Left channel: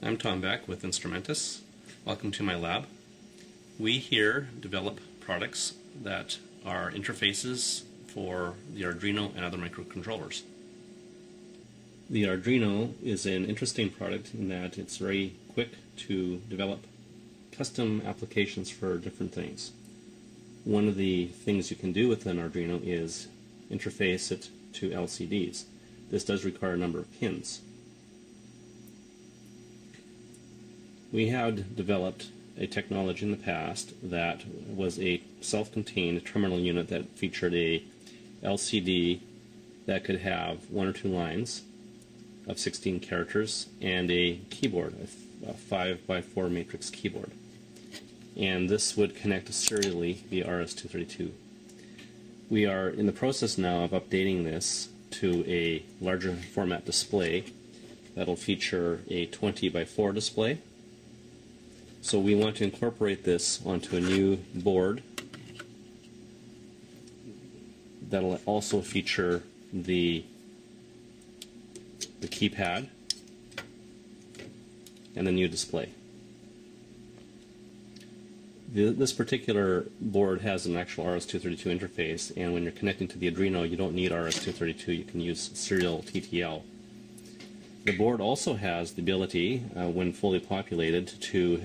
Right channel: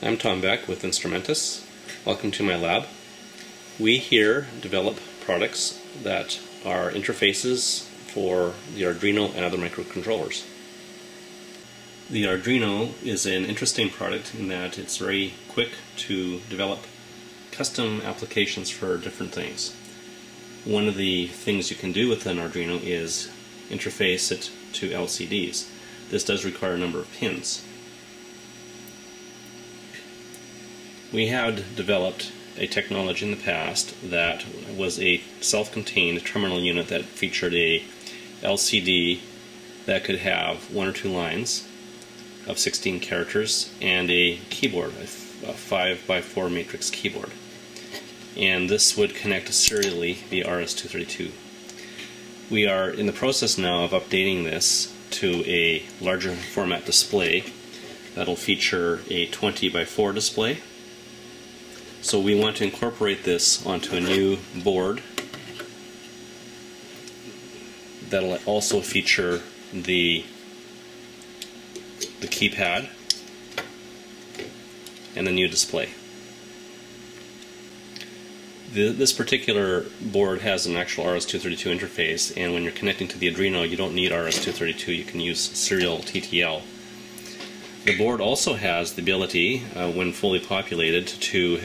I'm Tom Beck with Instrumentus. Welcome to my lab. We here develop products that are interfaces for the Arduino and other microcontrollers. The Arduino is an interesting product in that it's very quick to develop custom applications for different things. One of the things you can do with an Arduino is interface it to LCDs. This does require a number of pins. We had developed a technology in the past that was a self-contained terminal unit that featured a LCD that could have 1 or 2 lines of 16 characters and a keyboard, a 5x4 matrix keyboard. And this would connect serially via RS-232. We are in the process now of updating this to a larger format display that'll feature a 20x4 display. So we want to incorporate this onto a new board that'll also feature the keypad and the new display. This particular board has an actual RS-232 interface, and when you're connecting to the Arduino you don't need RS-232, you can use serial TTL. The board also has the ability, when fully populated, to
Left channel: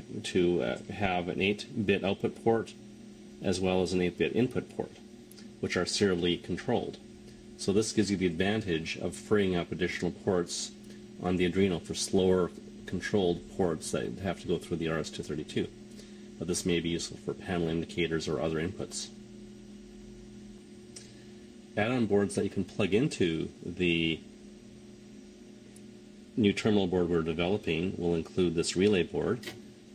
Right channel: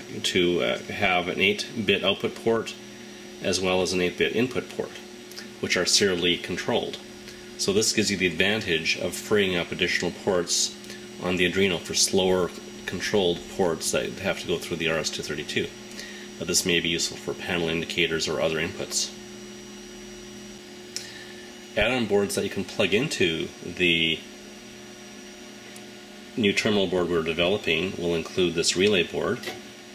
have an 8-bit output port as well as an 8-bit input port, which are serially controlled. So this gives you the advantage of freeing up additional ports on the Arduino for slower controlled ports that have to go through the RS-232. But this may be useful for panel indicators or other inputs. Add-on boards that you can plug into the new terminal board we're developing will include this relay board.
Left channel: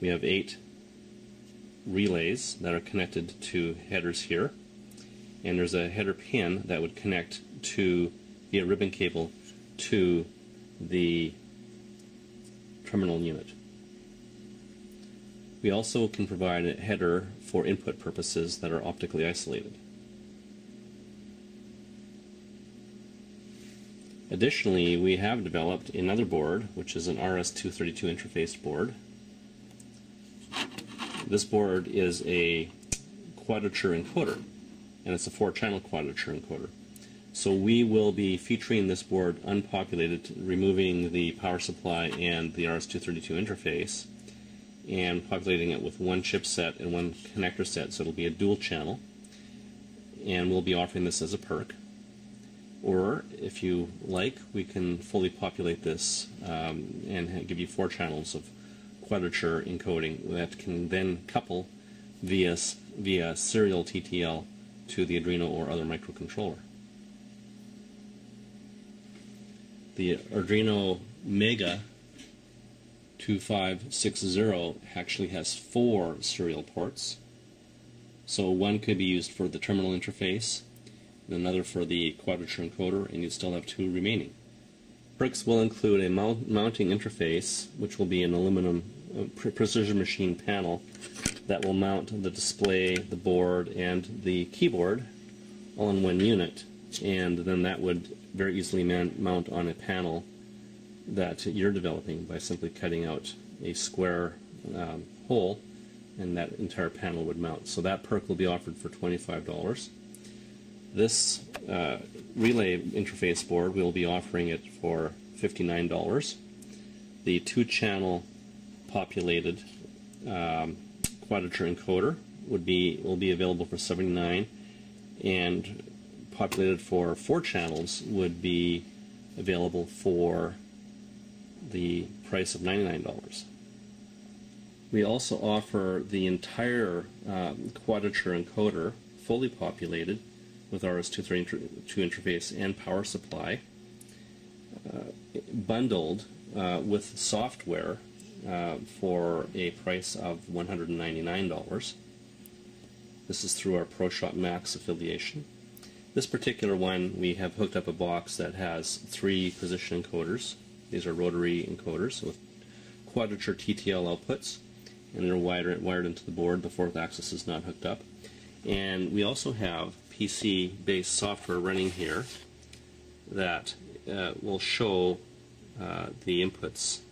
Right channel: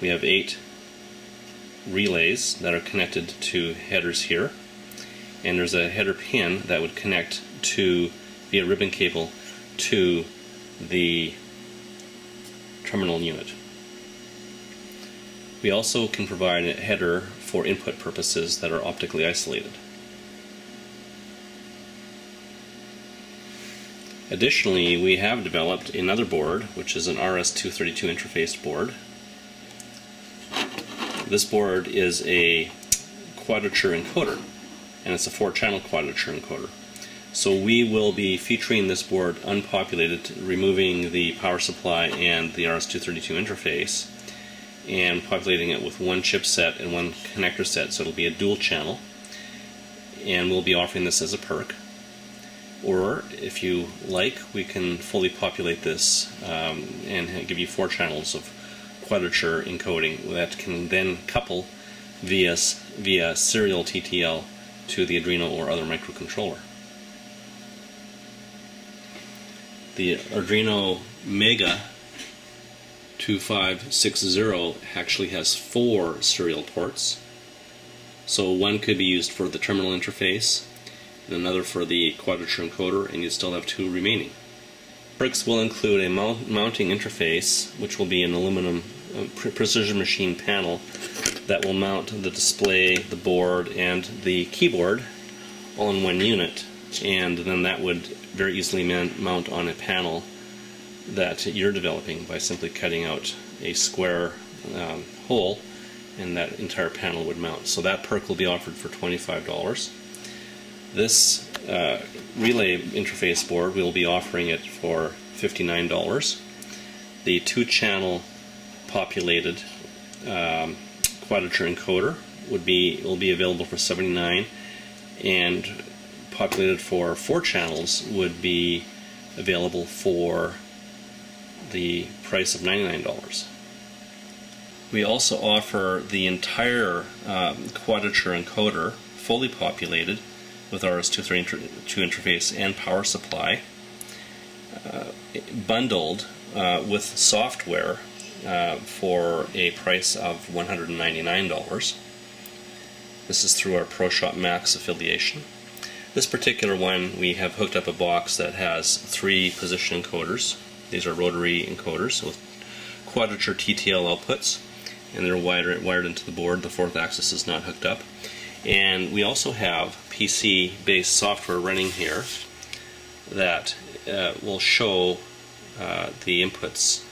We have 8 relays that are connected to headers here, and there's a header pin that would connect to via ribbon cable to the terminal unit. We also can provide a header for input purposes that are optically isolated. Additionally, we have developed another board, which is an RS-232 interface board. This board is a quadrature encoder, and it's a 4-channel quadrature encoder. So we will be featuring this board unpopulated, removing the power supply and the RS-232 interface, and populating it with 1 chipset and 1 connector set, so it'll be a dual channel, and we'll be offering this as a perk. Or, if you like, we can fully populate this and give you 4 channels of quadrature encoding that can then couple via serial TTL to the Arduino or other microcontroller. The Arduino Mega 2560 actually has 4 serial ports. So one could be used for the terminal interface, and another for the quadrature encoder, and you still have 2 remaining. Perks will include a mounting interface, which will be an aluminum precision machine panel that will mount the display, the board, and the keyboard all in 1 unit, and then that would very easily mount on a panel that you're developing by simply cutting out a square hole, and that entire panel would mount. So that perk will be offered for $25. This relay interface board, we'll be offering it for $59. The 2-channel populated quadrature encoder will be available for $79, and populated for 4 channels would be available for the price of $99. We also offer the entire quadrature encoder fully populated with RS-232 interface and power supply, bundled with software for a price of $199. This is through our ProShop Max affiliation. This particular one, we have hooked up a box that has 3 position encoders. These are rotary encoders with quadrature TTL outputs, and they're wired into the board. The 4th axis is not hooked up. And we also have PC-based software running here that will show the inputs